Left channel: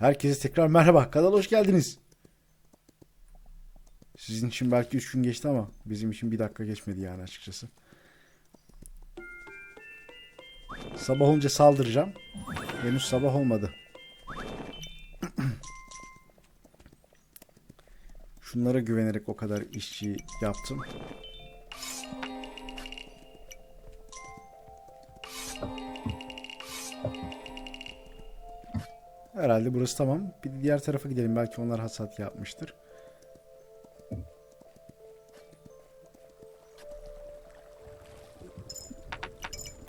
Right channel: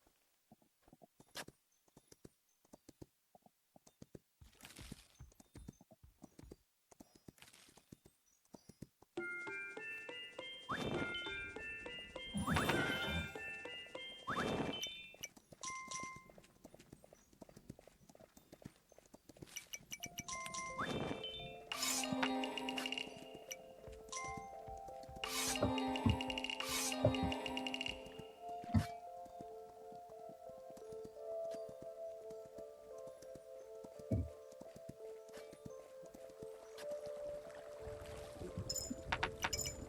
Herkese tekrar merhaba. Kanala hoş geldiniz. Sizin için belki 3 gün geçti ama bizim için bir dakika geçmedi yani açıkçası. Sabah olunca saldıracağım. Henüz sabah olmadı. Şunlara güvenerek o kadar işçi yaptım. Herhalde burası tamam. Bir diğer tarafa gidelim. Belki onlar hasat yapmıştır.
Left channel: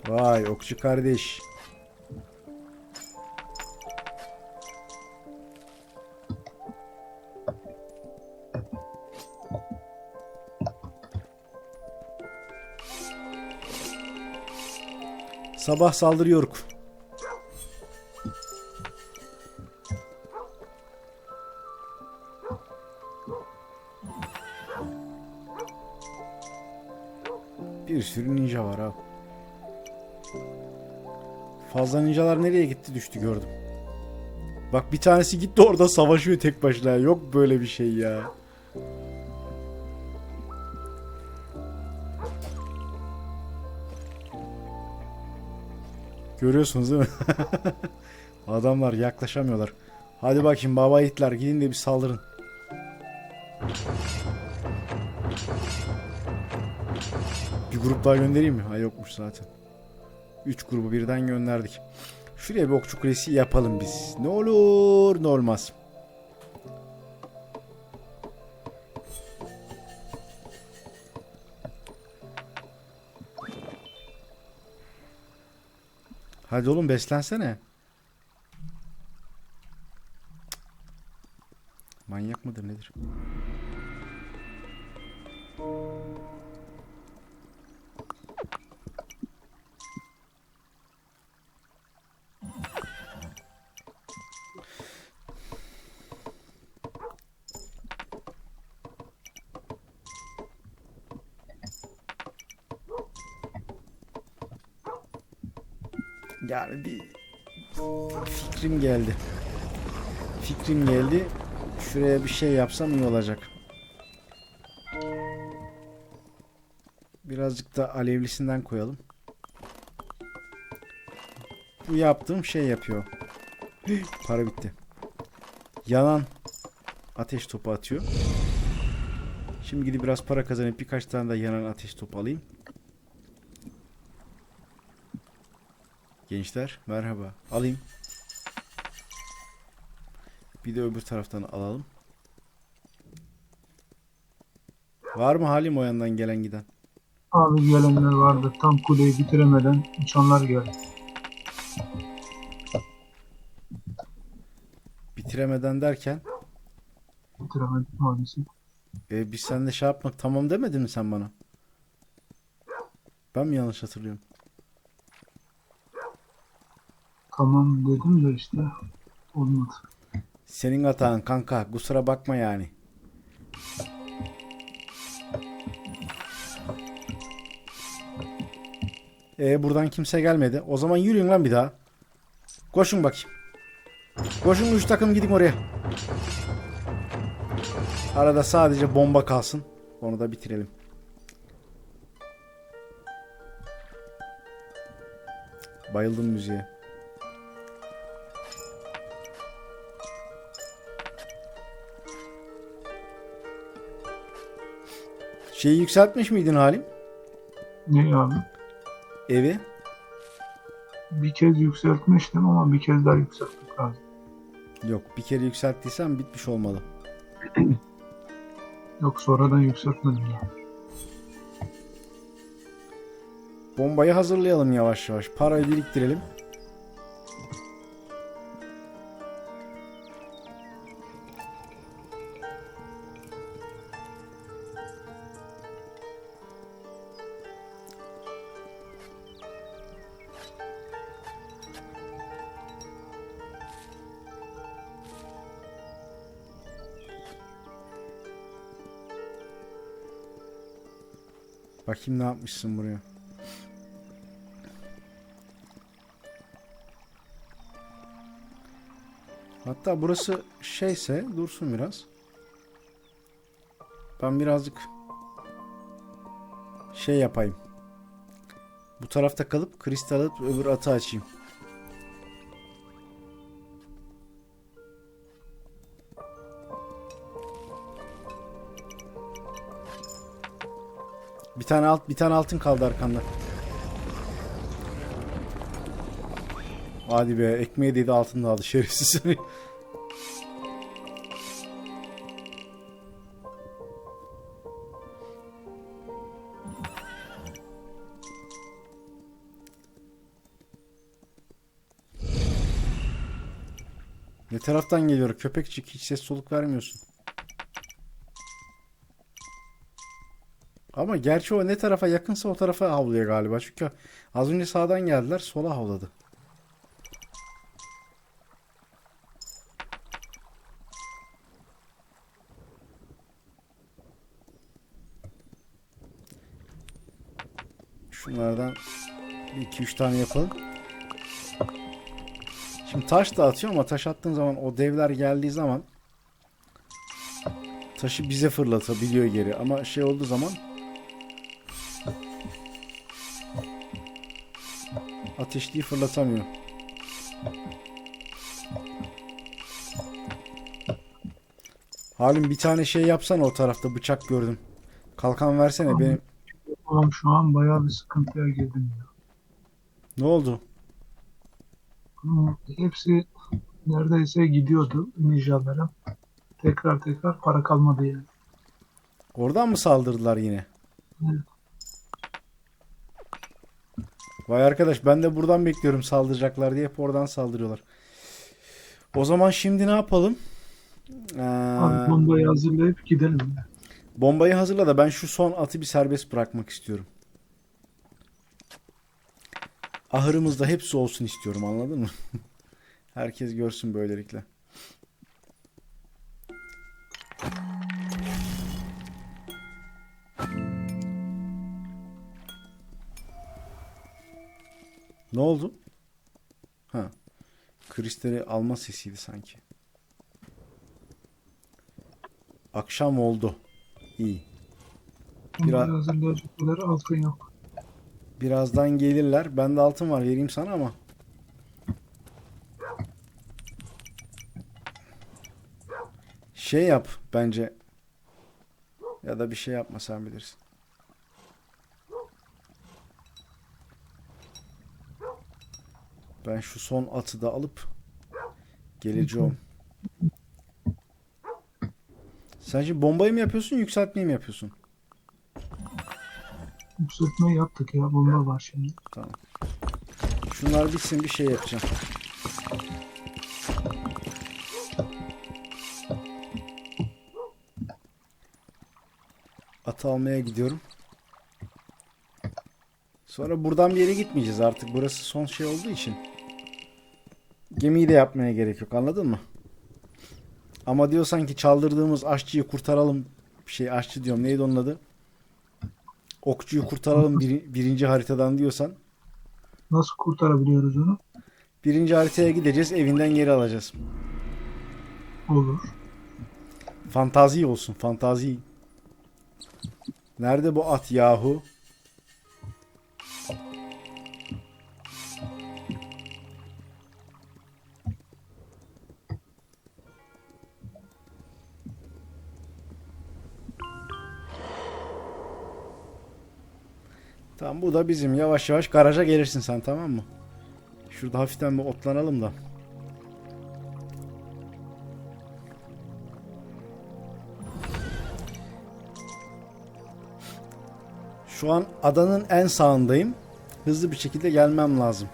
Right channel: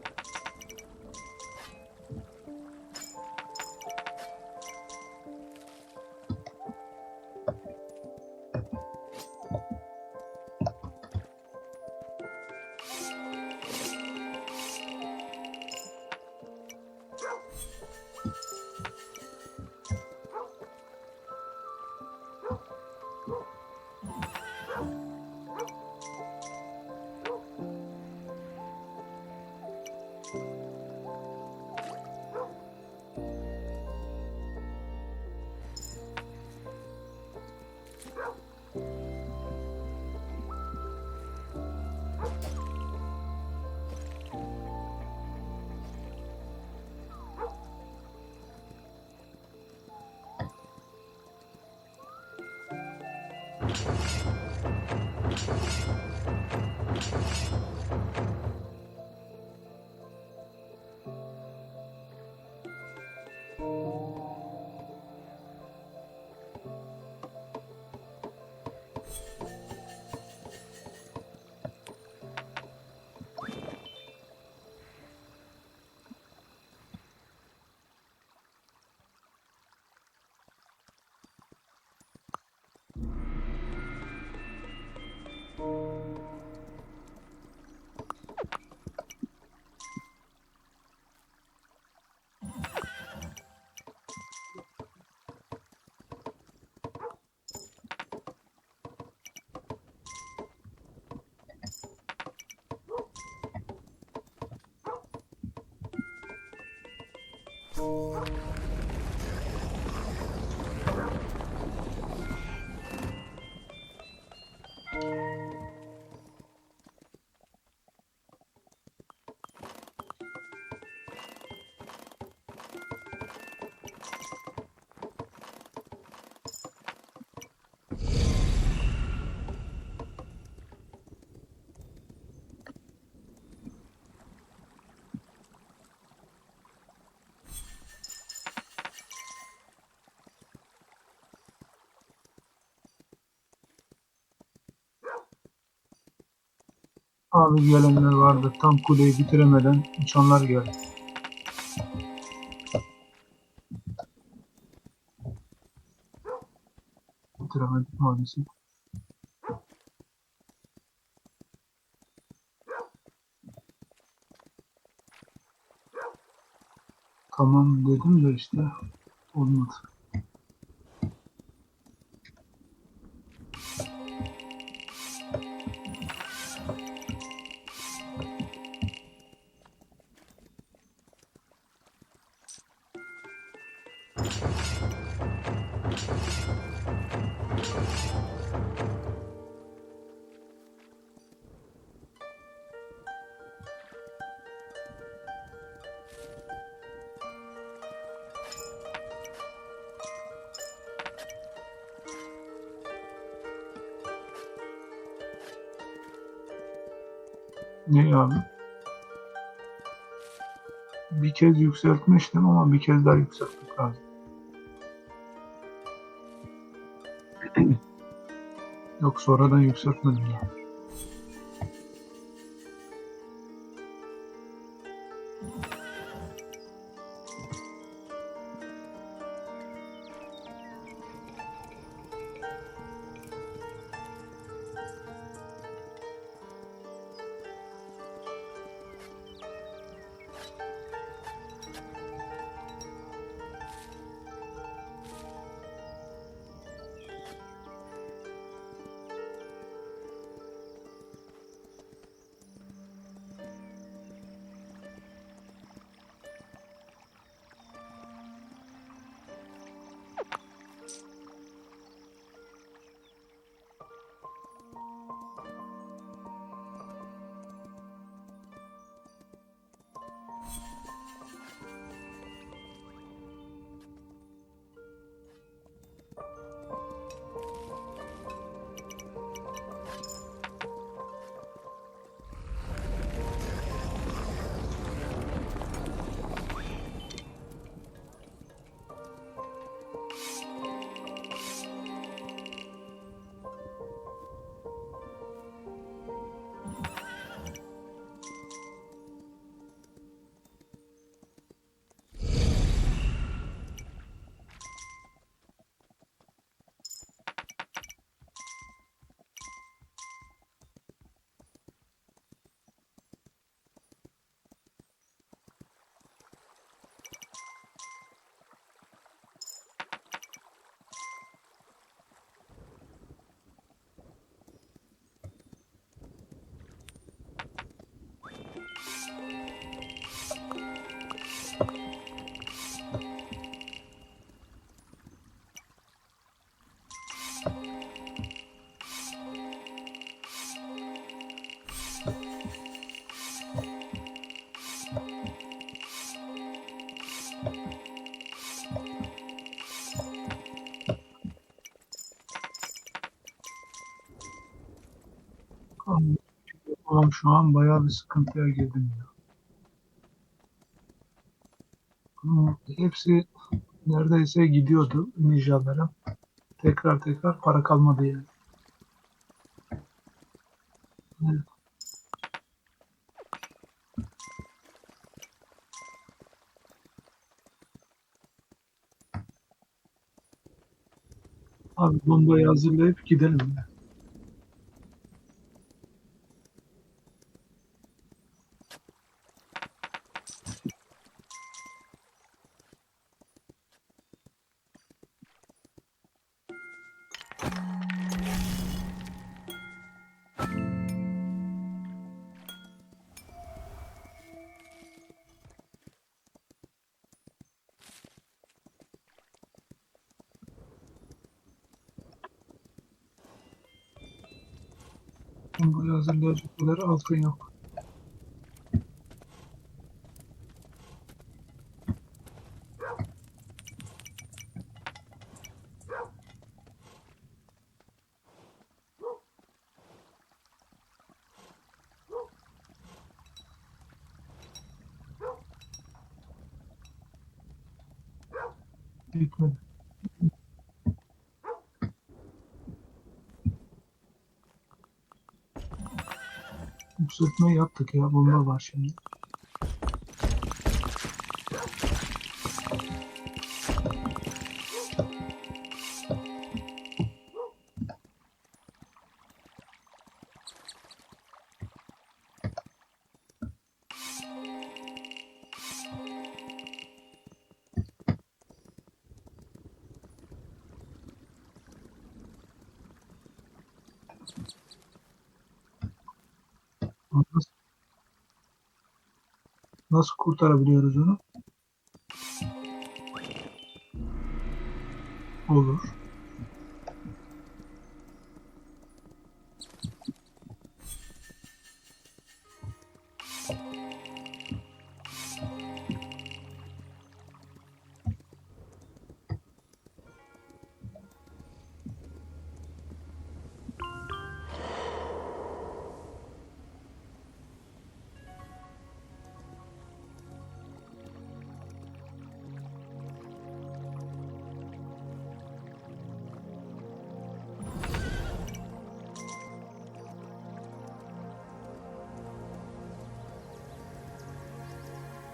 Vay okçu kardeş. Sabah saldırıyor. Düştü gördüm. Bak bir tanesi gitti orada savaşıyor tek başına. Yok böyle bir şey ya. Görüyorsunuz değil mi? Adamlar yaklaşamıyorlar. Hadi bakayım baba itler gidin de bir saldırın. Bir grup daha göndereyim mi? Ha yokmuş zaten. 3 grubu birden gönderdik. Şuraya bir okçu kulesi yapalım biz. Ne olur ne olmaz. Hadi oğlum beslensene. Bir şey yapsam iyi olacak. Birazcık da alevlisinden koyalım. Bu yaptığım şey yapıyor. Para bitti. Yanan ateş topu atıyor. Şimdi gidip biraz para kazanıp birkaç tane de yanan ateş topu alayım. Gençler merhaba. Alayım. Bir de öbür taraftan alalım. Var mı halim o yandan gelen giden? Abi gelenler vardı. Tam kuleyi bitiremeden uçanlar geldi. Bitiremeden derken Bitiremedik maalesef. e, biz sen de şey yapmak tamam demedin mi sen bana? Ben mi yanlış hatırlıyorum? Tamam dedim de işte olmadı. Senin hatan kanka kusura bakma yani. E buradan kimse gelmedi. O zaman yürüyün lan bir daha. Koşun bakayım. Koşun üç takım gidin oraya. Arada sadece bomba kalsın. Onu da bitirelim. Bayıldım müziğe. Şeyi yükseltmiş miydin Halim? Ne abi? Evi. Bir kez yükseltmiştim ama bir kez daha yükseltmek lazım. Yok bir kere yükselttiysen bitmiş olmalı. Yok sonradan yükseltmedim ya. Bombayı hazırlayalım yavaş yavaş. Parayı biriktirelim. Bakayım ne yapmışsın buraya. Hatta burası şeyse dursun biraz. Ben birazcık şey yapayım. Bu tarafta kalıp kristal alıp öbür atı açayım. Tane alt bir tane altın kaldı arkanda. Hadi be ekmeği dedi altın da aldı şerefsiz. ne taraftan geliyor köpekçik hiç ses soluk vermiyorsun. Ama gerçi o ne tarafa yakınsa o tarafa havlıyor galiba. Çünkü az önce sağdan geldiler sola havladı. Şunlardan 2-3 tane yapalım. Şimdi taş da atıyor ama taş attığın zaman o devler geldiği zaman taşı bize fırlatabiliyor geri ama şey olduğu zaman ateşliği fırlatamıyor. Halim bir tane şey yapsana o tarafta bıçak gördüm. Kalkan versene Tamam. benim. Oğlum şu an bayağı bir sıkıntıya girdim ya. Ne oldu? Hepsi neredeyse gidiyordu ninjalara. Tekrar tekrar para kalmadı yani. Oradan mı saldırdılar yine? Evet. Vay arkadaş ben de buradan bekliyorum saldıracaklar diye hep oradan saldırıyorlar. O zaman şimdi ne yapalım? Ee, Abi bombayı hazırlayıp gidelim. bombayı hazırla da ben şu son atı bir serbest bırakmak istiyorum. Ahırımızda hepsi olsun istiyorum anladın mı? Herkes görsün böylelikle. Ne oldu? Ha. Kristali alma sesiydi sanki. Akşam oldu. İyi. Biraz- hazırlayacak kadar altın yok. Birazdan gelirler. Bende altın var vereyim sana ama. Şey yap bence. Ya da bir şey yapma sen bilirsin. Ben şu son atı da alıp geleceğim. Sen şimdi bombayı mı yapıyorsun, yükseltmeyi mi yapıyorsun? Yükseltmeyi yaptık ya. Bomba var şimdi. Şunlar bitsin bir şey yapacağım. At almaya gidiyorum. Sonra buradan bir yere gitmeyeceğiz artık. Burası son şey olduğu için. Gemiyi de yapmaya gerek yok anladın mı? Ama diyorsan ki çaldırdığımız aşçıyı kurtaralım. Şey aşçı diyorum neydi onun adı? Okçuyu kurtaralım biri- birinci haritadan diyorsan. Nasıl kurtarabiliyoruz onu? Birinci haritaya gideceğiz, evinden geri alacağız. Olur. Fantazi olsun, fantazi. Nerede bu at yahu? Bu da bizim. Yavaş yavaş garaja gelirsin sen tamam mı? Şurada hafiften bir otlanalım da. Şu an adanın en sağındayım. Hızlı bir şekilde gelmem lazım.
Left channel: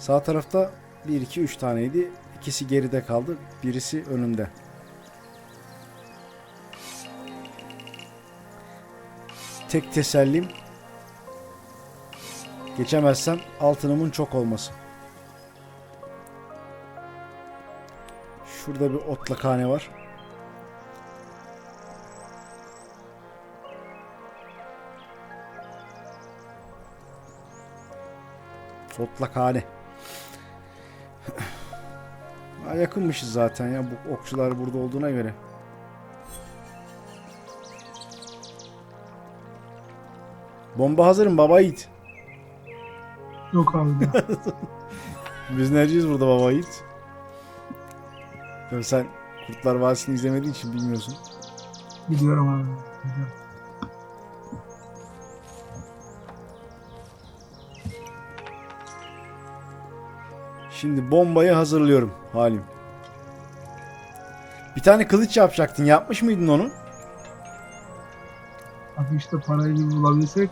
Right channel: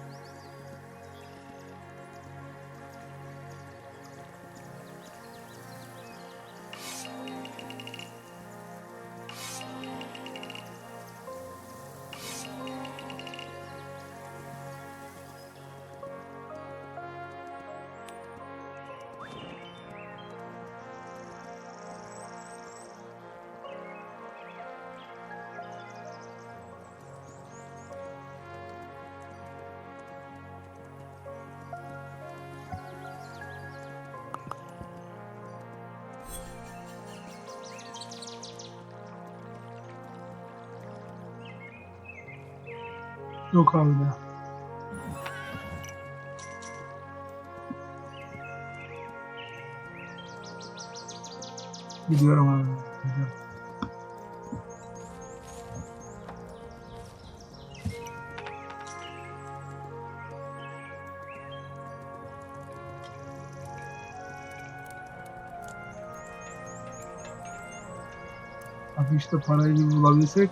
Sağ tarafta 1 2 3 taneydi. İkisi geride kaldı. Birisi önümde. Tek tesellim geçemezsem altınımın çok olması. Şurada bir otlakhane var. Otlakhane. Ha, yakınmışız zaten ya bu okçular burada olduğuna göre. Bomba hazırım baba yiğit. Yok abi ya. Biz neciyiz burada baba yiğit? Tabii sen Kurtlar Vadisi'ni izlemediğin için bilmiyorsun. Biliyorum abi. Biliyorum. Şimdi bombayı hazırlıyorum halim. Bir tane kılıç yapacaktın. Yapmış mıydın onu? Abi işte parayı bulabilsek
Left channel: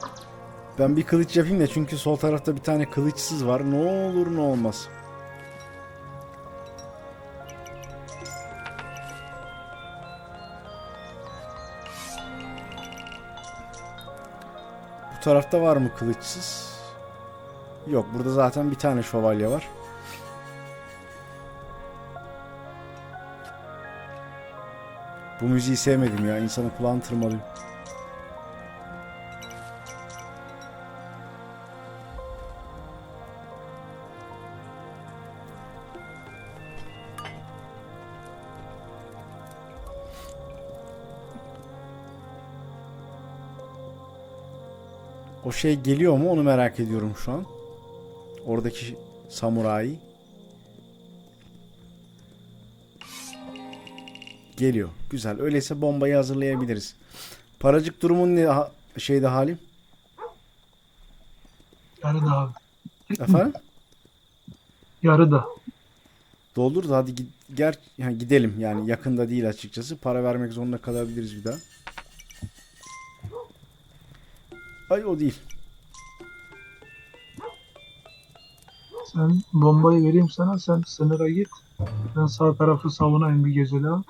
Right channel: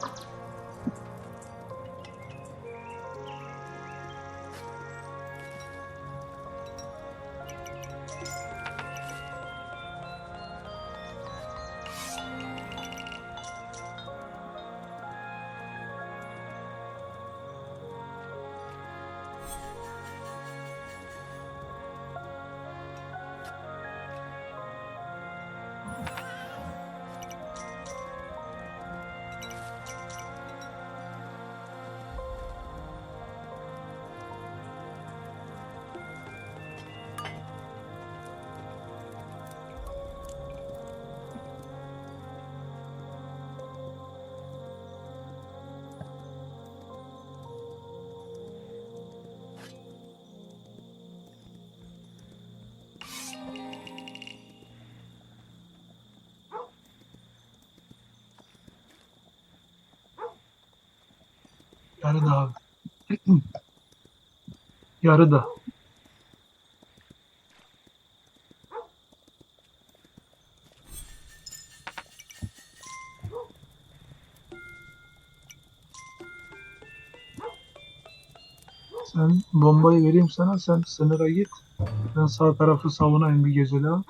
Ben bir kılıç yapayım da çünkü sol tarafta bir tane kılıçsız var. Ne olur ne olmaz. Bu tarafta var mı kılıçsız? Yok burada zaten bir tane şövalye var. Bu müziği sevmedim ya. İnsanın kulağını tırmalıyor. Şey geliyor mu onu merak ediyorum şu an. Oradaki samuray. Geliyor. Güzel. Öyleyse bombayı hazırlayabiliriz. Paracık durumun ne ha- şeyde halim? yarı da abi. Efendim? Yarı da. Doldur da hadi ger yani gidelim yani yakında değil açıkçası. Para vermek zorunda kalabiliriz bir daha. Ay o değil. Sen bombayı vereyim sana. Sen sınıra git. Ben sağ tarafı savunayım bir gece daha.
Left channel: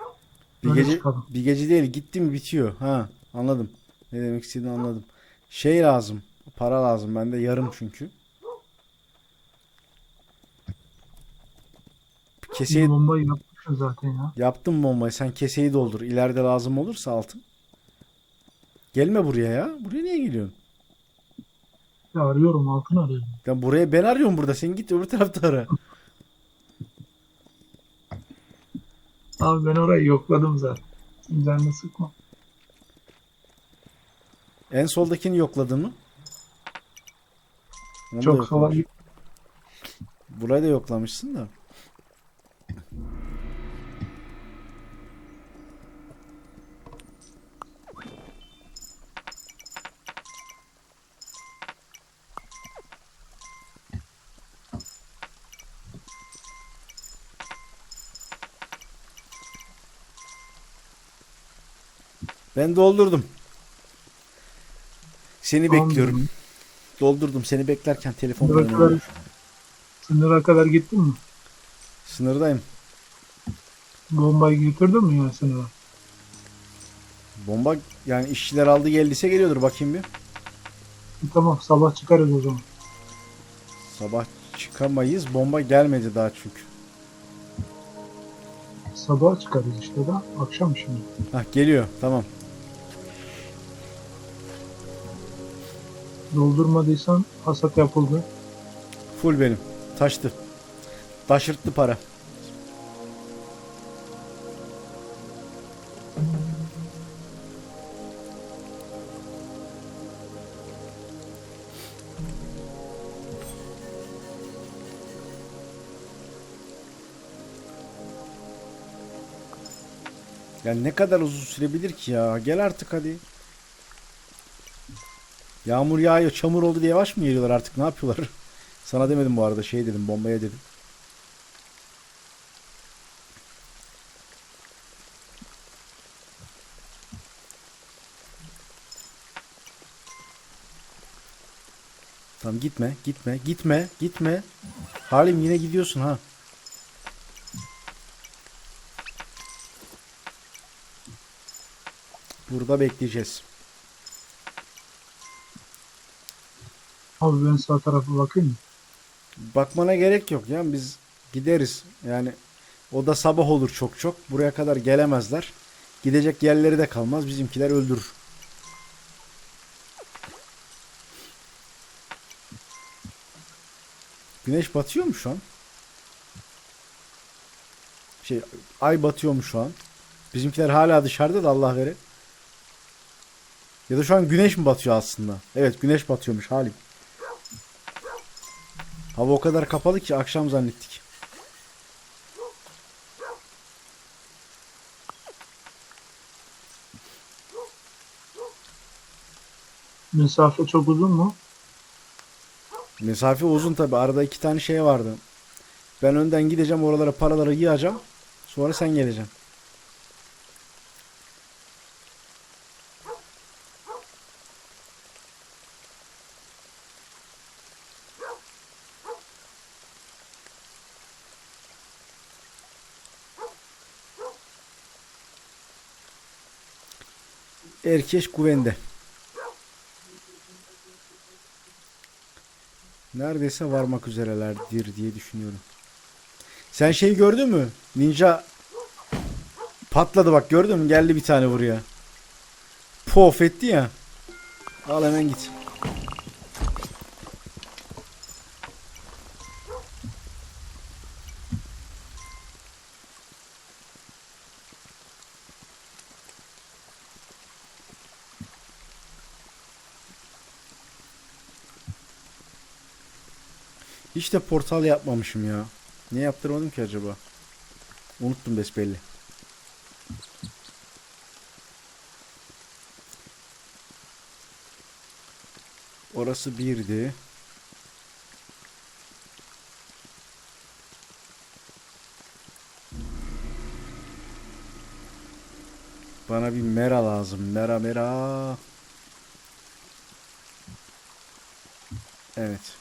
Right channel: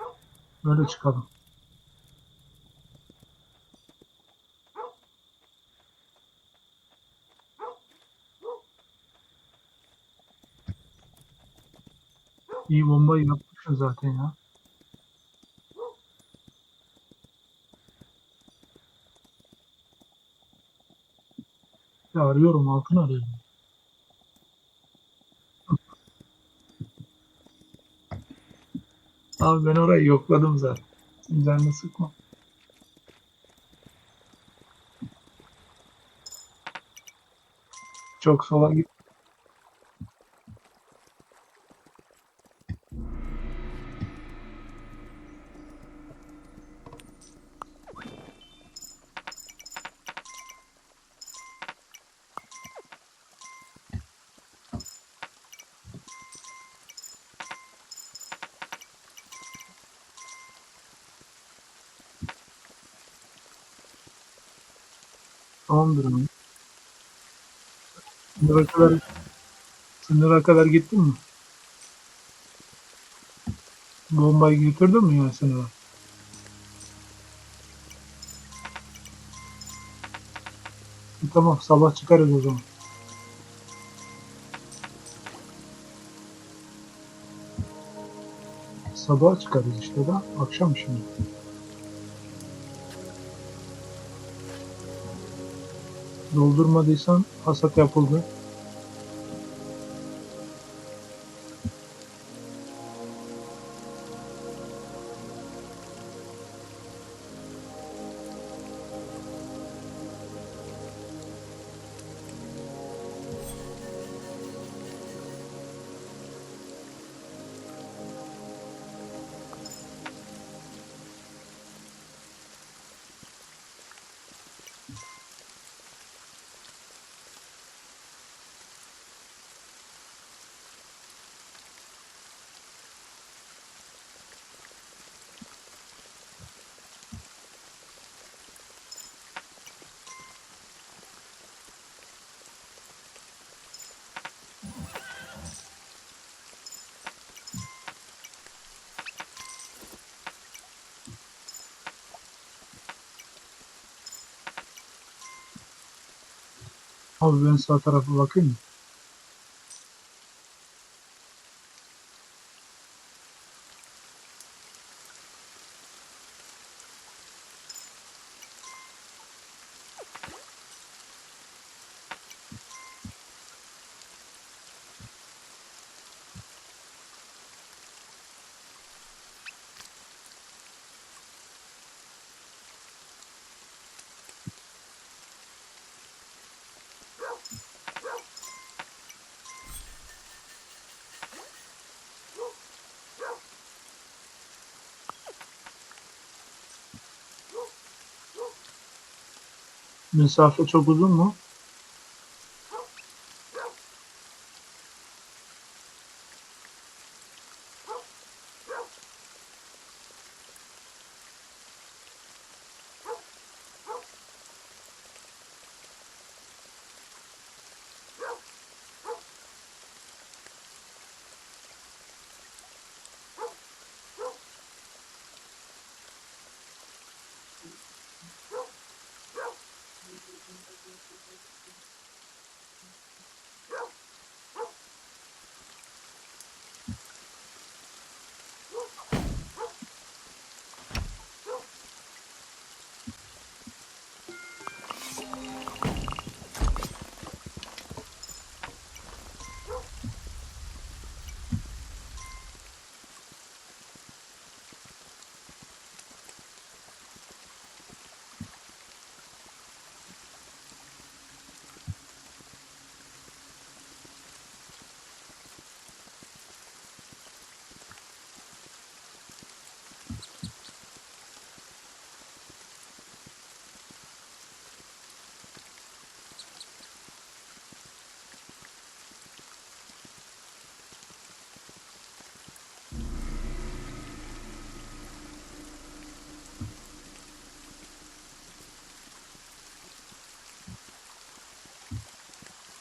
Bir Böyle gece, çıkalım. bir gece değil gitti mi bitiyor. Ha anladım. Ne demek istediğini anladım. Şey lazım. Para lazım. Bende yarım çünkü. Keseyi Bir bombayı yapmışsın zaten ya. yaptım bombayı. Sen keseyi doldur. İleride lazım olursa altın. Gelme buraya ya. Buraya niye geliyorsun? Ya arıyorum altın arıyorum. Ya buraya ben arıyorum burada. Sen git öbür tarafta ara. Abi ben orayı yokladım zaten. Canını sıkma. En soldakini yokladın mı? Onu da Çok yok- sola git. Burayı da yoklamışsın da. Ben doldurdum. Seni Tamam bekliyorum. dedim. Doldurdum. Seni beklerken Sınıra telefonla kadar, sınıra kadar gittin mi? Sınırdayım. Bombayı götürdün mü ya sınıra? Bomba yani işçiler aldı geldiyse geliyordur bakayım bir. Tamam sabah çıkarız o zaman. Sabah çıkamayız. Bomba gelmedi daha çünkü. Sabah çıkarız işte da. Akşam şimdi. Hah geliyor. Tamam. Doldurmadıysan hasat yapıldı. Full benim. Taştı. Taşırttı para. Ya ne kadar uzun sürebilir ki ya? Gel artık hadi. Yağmur yağıyor, çamur oldu diye yavaş mı geliyorlar artık? Ne yapıyorlar? Sana demedim bu arada şey dedim bombaya dedim. Tamam gitme, gitme, gitme, gitme. Halim yine gidiyorsun ha. Burada bekleyeceğiz. Abi ben sağ tarafa bakayım mı? Bakmana gerek yok ya biz gideriz. Yani o da sabah olur çok çok. Buraya kadar gelemezler. Gidecek yerleri de kalmaz. Bizimkiler öldürür. Güneş batıyor mu şu an? Şey, ay batıyormuş şu an. Bizimkiler hala dışarıda da Allah verir. Ya da şu an güneş mi batıyor aslında? Evet güneş batıyormuş Halim. Hava o kadar kapalı ki akşam zannettik. Mesafe çok uzun mu? Mesafe uzun tabi. Arada iki tane şey vardı. Ben önden gideceğim oralara paraları yığacağım. Sonra sen geleceksin. Erkeş güvende. Neredeyse varmak üzerelerdir diye düşünüyorum. Sen şey gördün mü? Ninja patladı bak gördün mü? Geldi bir tane buraya. Pof etti ya. Al hemen git. De portal yapmamışım ya. Niye yaptırmadım ki acaba? Unuttum besbelli. Orası birdi. Bana bir mera lazım. Mera mera. Evet.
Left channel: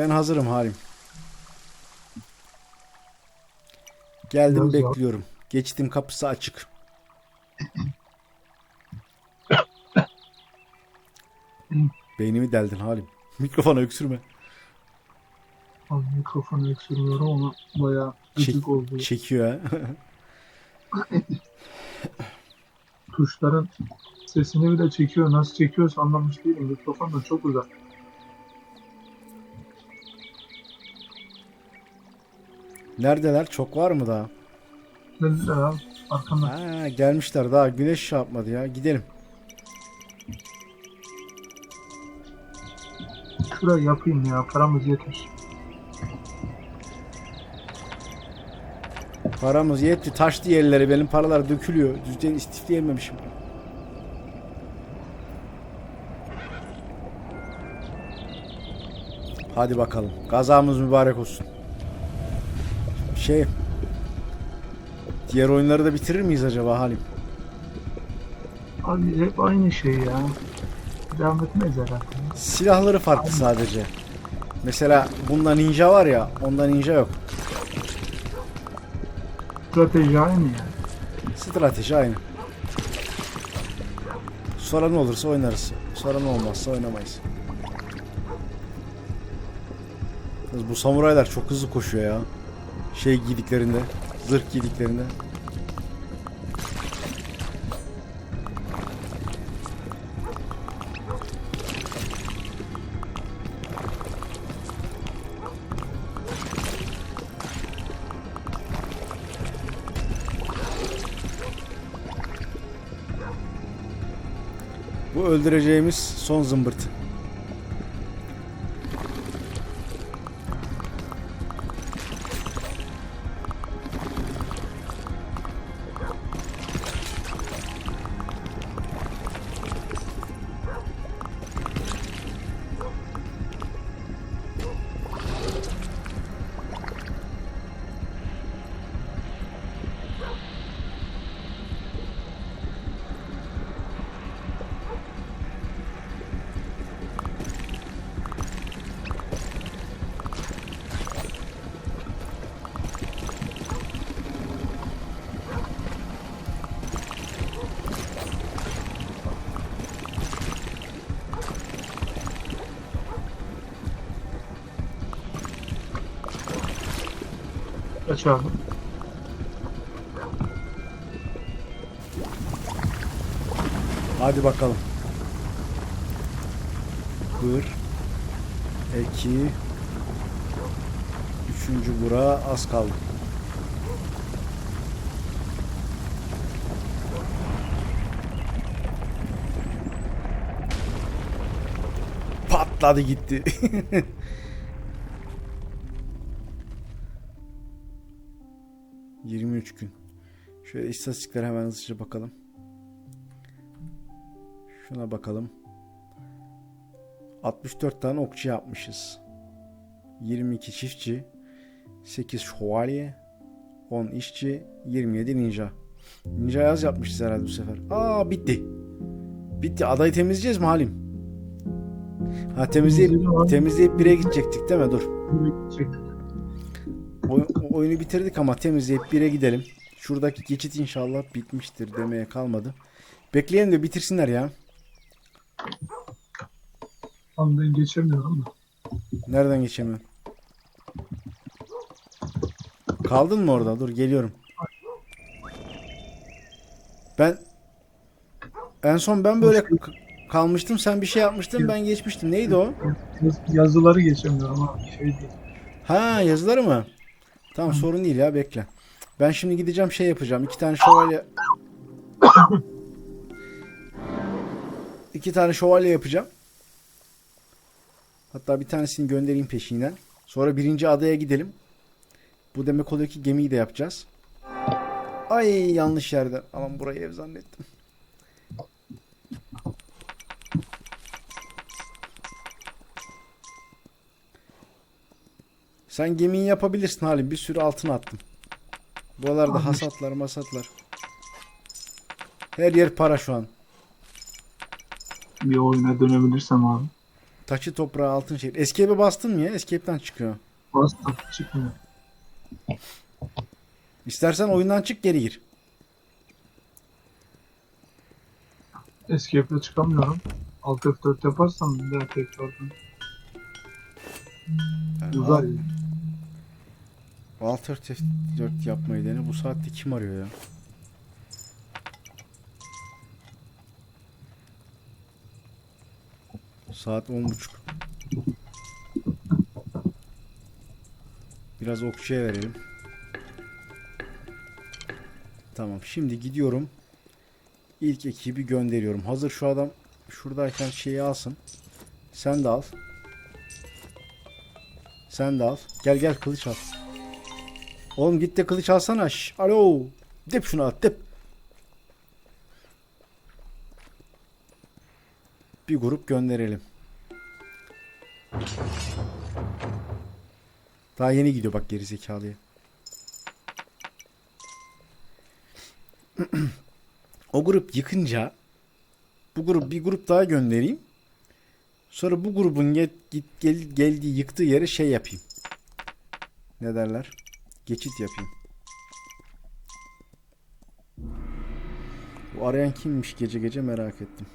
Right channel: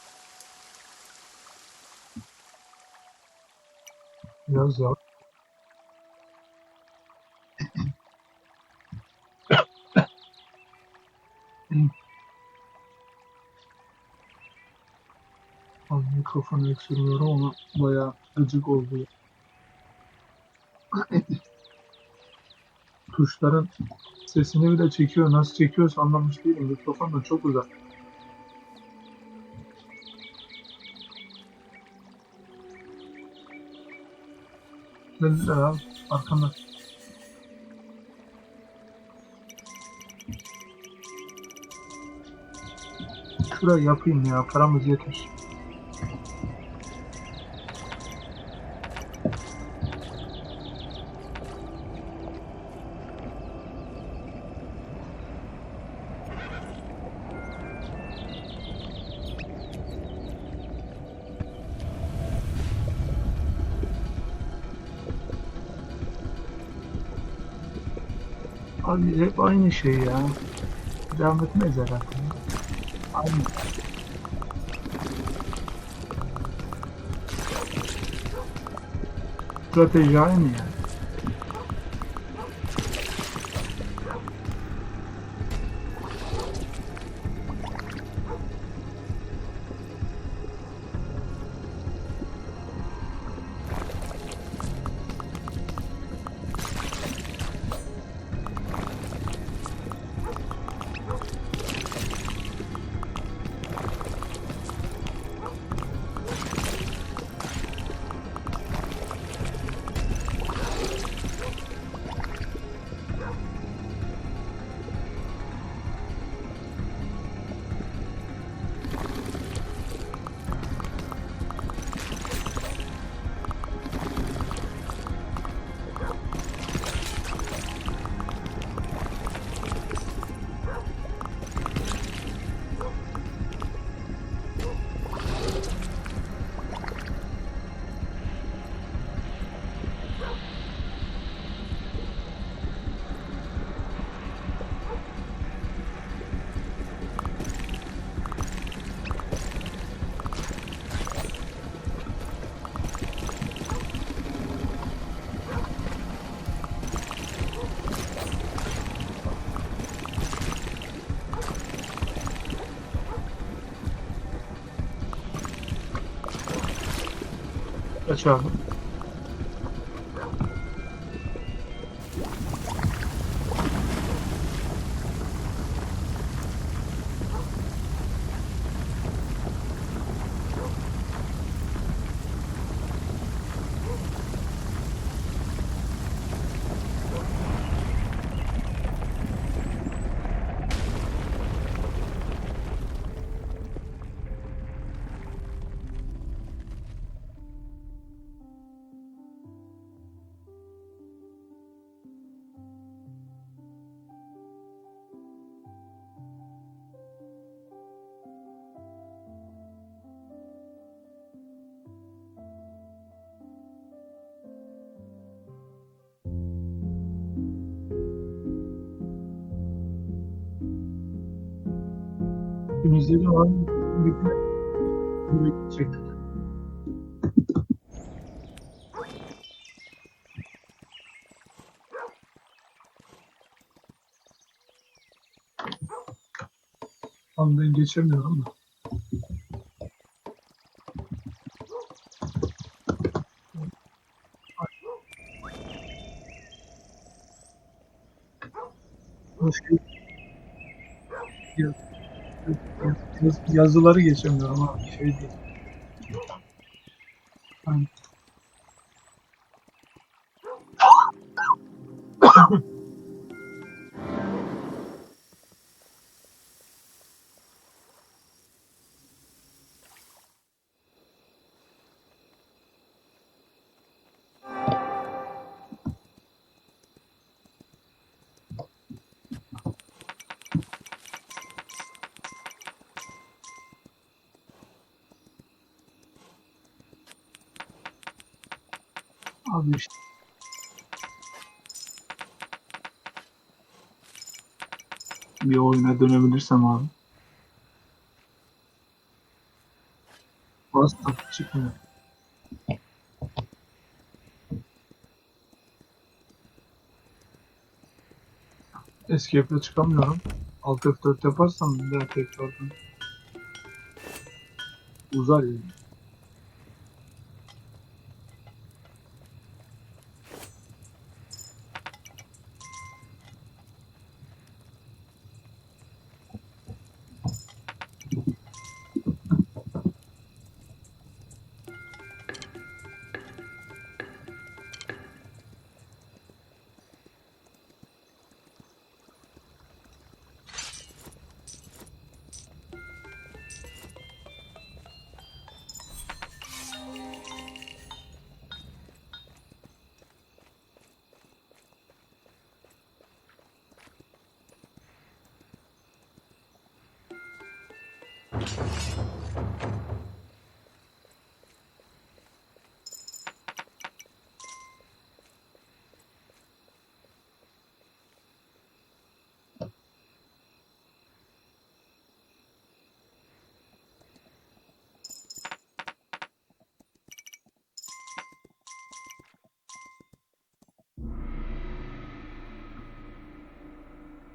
Ben hazırım Halim. Geldim ya. bekliyorum. Geçtim kapısı açık. Beynimi deldin Halim. Mikrofona öksürme. Abi mikrofonu öksürüyorum ama bayağı gıcık oldu. Çekiyor ha. Tuşların sesini bile çekiyor. Nasıl çekiyorsa anlamış değilim. Mikrofon da çok uzak. Neredeler? Çok var mı daha? Dediler abi arkamda. Ha, gelmişler daha. Güneş şey yapmadı ya. Gidelim. Şurayı yapayım ya paramız yeter. Paramız yetti. Taştı yerlere. Benim paralar dökülüyor. Düzden istifleyememişim. Hadi bakalım. Kazamız mübarek olsun. Şey... Diğer oyunları da bitirir miyiz acaba Halim? Abi hep aynı şey ya. Devam etmeyiz herhalde. Silahları farklı sadece. Mesela bunda ninja var ya, onda ninja yok. Strateji aynı yani. Strateji aynı. Sonra ne olursa oynarız. Sonra ne olmazsa oynamayız. Bu samuraylar çok hızlı koşuyor ya. Şey giydiklerinde, zırh giydiklerinde. Bu öldüreceğimiz son zımbırt. açalım. Hadi bakalım. Dur. Belki üçüncü bura az kaldı. Patladı gitti. Gün. Şöyle istatistiklere hemen hızlıca bakalım. Şuna bakalım. 64 tane okçu yapmışız. 22 çiftçi, 8 şövalye, 10 işçi, 27 ninja. Ninja yaz yapmışız herhalde bu sefer. Aa bitti. Bitti. Adayı temizleyeceğiz mi Halim? Ha temizleyip, temizleyip bire gidecektik değil mi? Dur. Çektik. Oy- oyunu bitirdik ama temizleyip bire gidelim. Şuradaki geçit inşallah bitmiştir demeye kalmadı. Bekleyelim de bitirsinler ya. Tam ben geçemiyorum da. Nereden geçemiyorum? Kaldın mı orada? Dur geliyorum. Ben en son ben böyle kalmıştım. Sen bir şey yapmıştın. Ben geçmiştim. Neydi o? Yaz- Yazıları geçemiyorum abi. Şey değil. Ha yazıları mı? Tamam sorun değil ya bekle. Ben şimdi gideceğim şey yapacağım. İki tane şövalye İki tane şövalye yapacağım. Hatta bir tanesini göndereyim peşinden. Sonra birinci adaya gidelim. Bu demek oluyor ki gemiyi de yapacağız. Ay yanlış yerde. Aman burayı ev zannettim. Sen gemiyi yapabilirsin Halim. Bir sürü altın attım. Buralarda Abi. hasatlar masatlar. Her yer para şu an. Bir oyuna dönebilirsem abi. Taşı toprağı altın şey. Escape'e bastın mı ya? Escape'den çıkıyor. Bastım çıkmıyor. İstersen oyundan çık geri gir. Escape'le çıkamıyorum. Alt F4 yaparsam bir daha tekrardan uzar ya. Alt F4 yapmayı dene. Bu saatte kim arıyor ya? Saat 10.30. Biraz okçuya verelim. Tamam. Şimdi gidiyorum. İlk ekibi gönderiyorum. Hazır şu adam şuradayken şeyi alsın. Sen de al. Sen de al. Gel gel kılıç al. Oğlum git de kılıç alsana. Şş, alo. Dip şunu at dip. Bir grup gönderelim. Daha yeni gidiyor bak geri zekalıya. o grup yıkınca bu grup bir grup daha göndereyim. Sonra bu grubun gel, git, gel, geldiği yıktığı yere şey yapayım. Ne derler? Geçit yapayım. Bu arayan kimmiş gece gece merak ettim.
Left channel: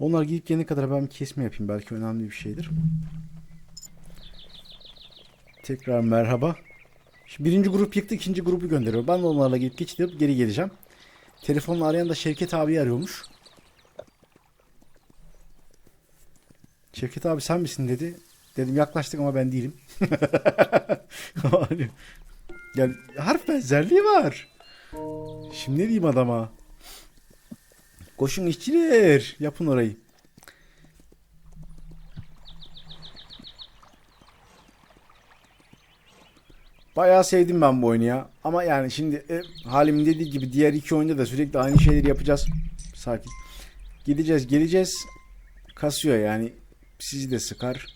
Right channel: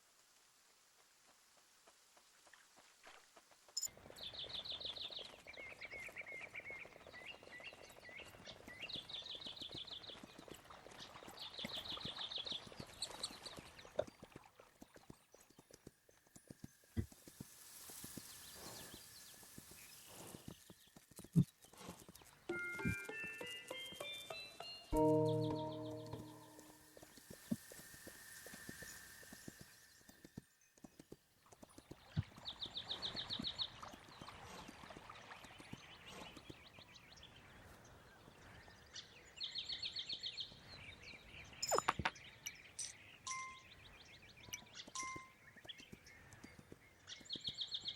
Onlar gidip gelene kadar ben bir kesme yapayım. Belki önemli bir şeydir. Tekrar merhaba. Şimdi birinci grup yıktı, ikinci grubu gönderiyor. Ben de onlarla gidip geçip geri geleceğim. Telefonla arayan da Şevket abi arıyormuş. Şevket abi sen misin dedi. Dedim yaklaştık ama ben değilim. yani harf benzerliği var. Şimdi ne diyeyim adama? Koşun işçiler. Yapın orayı. Bayağı sevdim ben bu oyunu ya. Ama yani şimdi e, Halim'in dediği gibi diğer iki oyunda da sürekli aynı şeyleri yapacağız. Sakin. Gideceğiz geleceğiz. Kasıyor yani. Sizi de sıkar.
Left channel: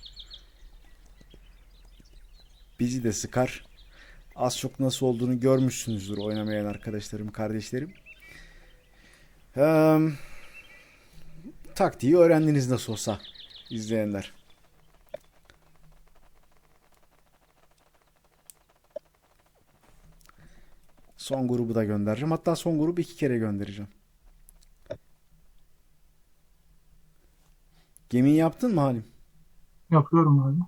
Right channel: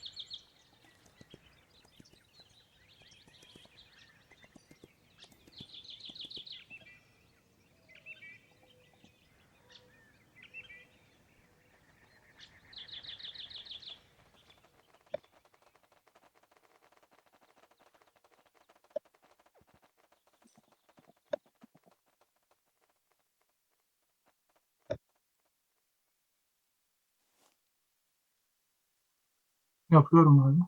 Bizi de sıkar. Az çok nasıl olduğunu görmüşsünüzdür oynamayan arkadaşlarım, kardeşlerim. Ee, taktiği öğrendiniz nasıl olsa izleyenler. Son grubu da göndereceğim. Hatta son grubu iki kere göndereceğim. Gemiyi yaptın mı Halim? Yapıyorum abi.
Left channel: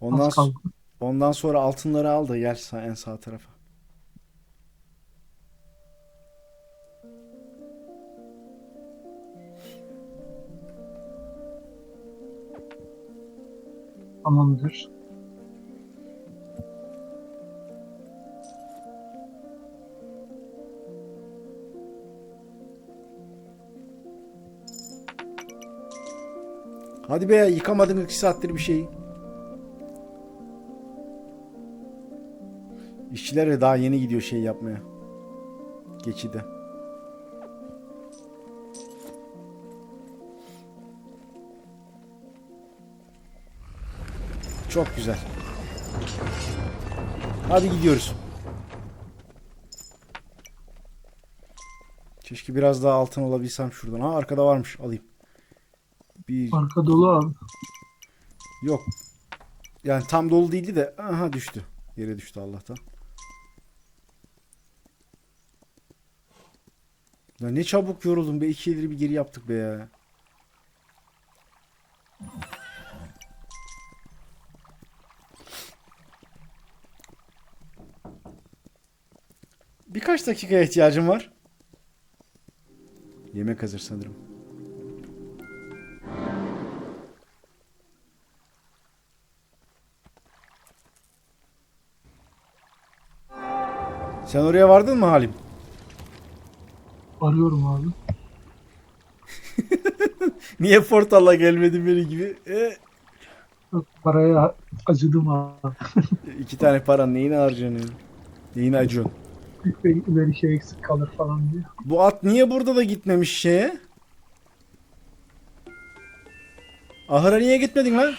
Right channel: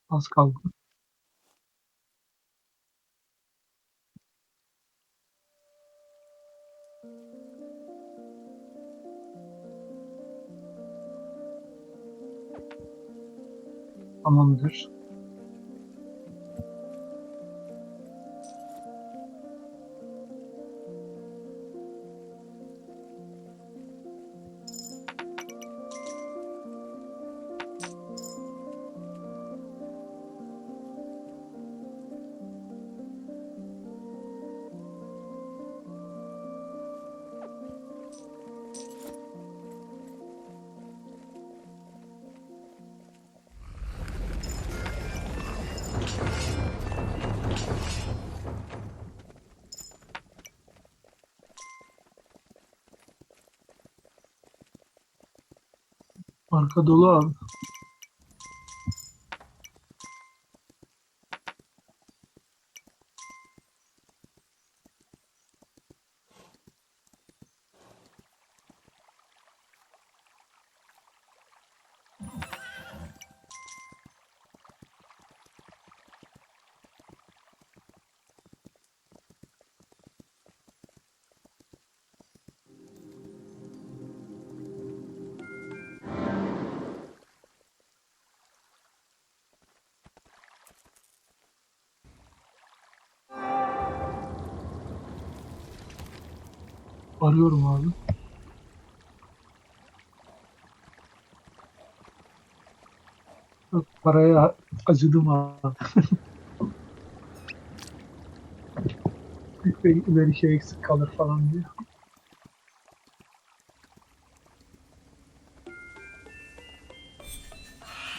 Ondan, ondan sonra altınları al da gel en sağ tarafa. Tamamdır. Hadi be yıkamadın iki saattir bir şeyi. İşçiler de daha yeni gidiyor şey yapmaya. Geçide. Çok güzel. Hadi gidiyoruz. Keşke biraz daha altın alabilsem şuradan. Ha arkada varmış alayım. Bir, Arka dolu abi. Yok. Yani tam dolu değildi de aha düştü. Yere düştü Allah'tan. Ya ne çabuk yoruldum be. iki ileri bir geri yaptık be ya. Birkaç dakikaya ihtiyacım var. Yemek hazır sanırım. Sen oraya vardın mı Halim? Arıyorum abi. Niye portalla gelmedin beni gibi? E, Yok, Paraya acıdım abi. iki tane para neyine harcanıyor? Neyine acıyorsun? Bir şey eksik kalır falan diye. Bu at niye burada da gitmemiş şeye? Ahıra niye gitmedin lan?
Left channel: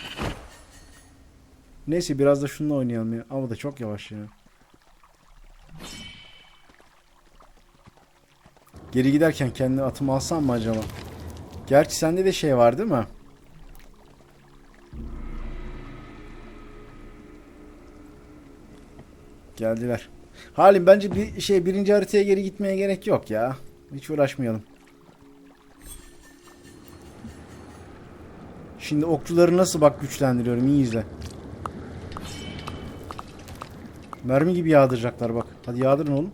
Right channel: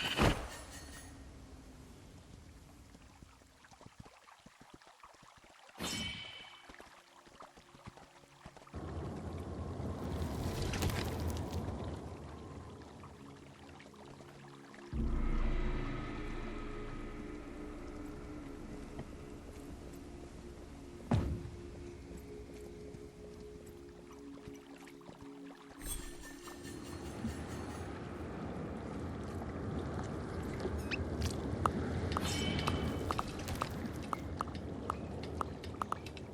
Neyse biraz da şununla oynayalım ya. Ama da çok yavaş ya. Geri giderken kendi atımı alsam mı acaba? Gerçi sende de şey var değil mi? Geldiler. Halim bence bir şey birinci haritaya geri gitmeye gerek yok ya. Hiç uğraşmayalım. Şimdi okçuları nasıl bak güçlendiriyorum iyi izle. Mermi gibi yağdıracaklar bak. Hadi yağdırın oğlum.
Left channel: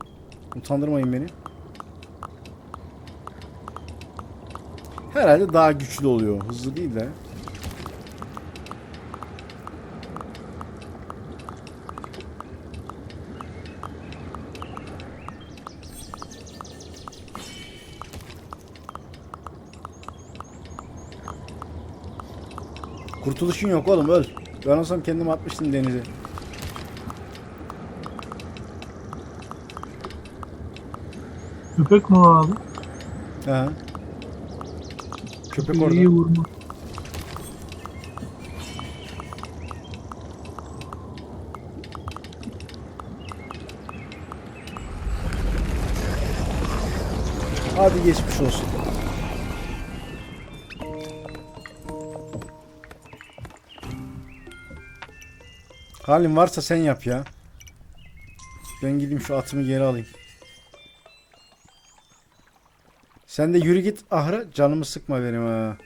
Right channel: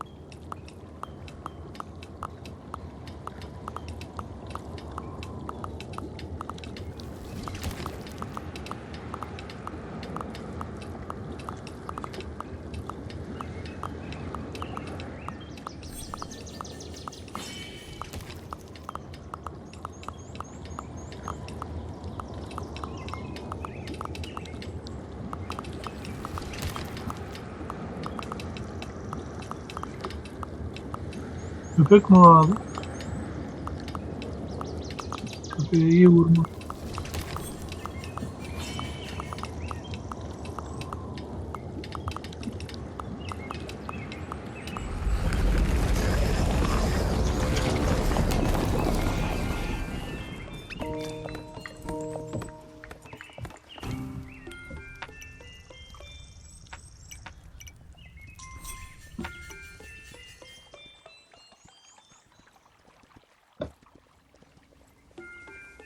Utandırmayın beni. Herhalde daha güçlü oluyor. Hızlı değil de. Kurtuluşun yok oğlum öl. Ben olsam kendim atmıştım denize. Köpek mi o abi? He. Köpek Köpeği orada. iyi vurma. Halin varsa sen yap ya. Ben gideyim şu atımı geri alayım. Sen de yürü git ahıra canımı sıkma benim ha.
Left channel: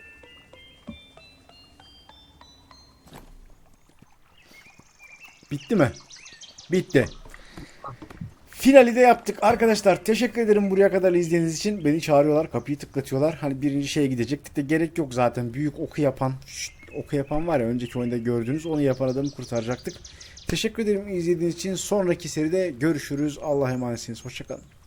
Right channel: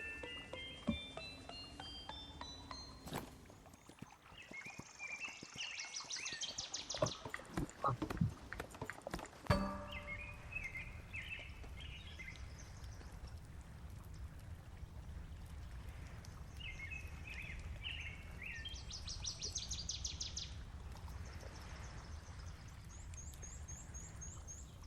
Bitti mi? Bitti. Finali de yaptık arkadaşlar. Teşekkür ederim buraya kadar izlediğiniz için. Beni çağırıyorlar, kapıyı tıklatıyorlar. Hani birinci şeye gidecektik de gerek yok zaten. Büyük oku yapan, oku yapan var ya önceki oyunda gördüğünüz onu yapan adamı kurtaracaktık. Teşekkür ederim izlediğiniz için. Sonraki seride görüşürüz. Allah'a emanetsiniz. Hoşçakalın.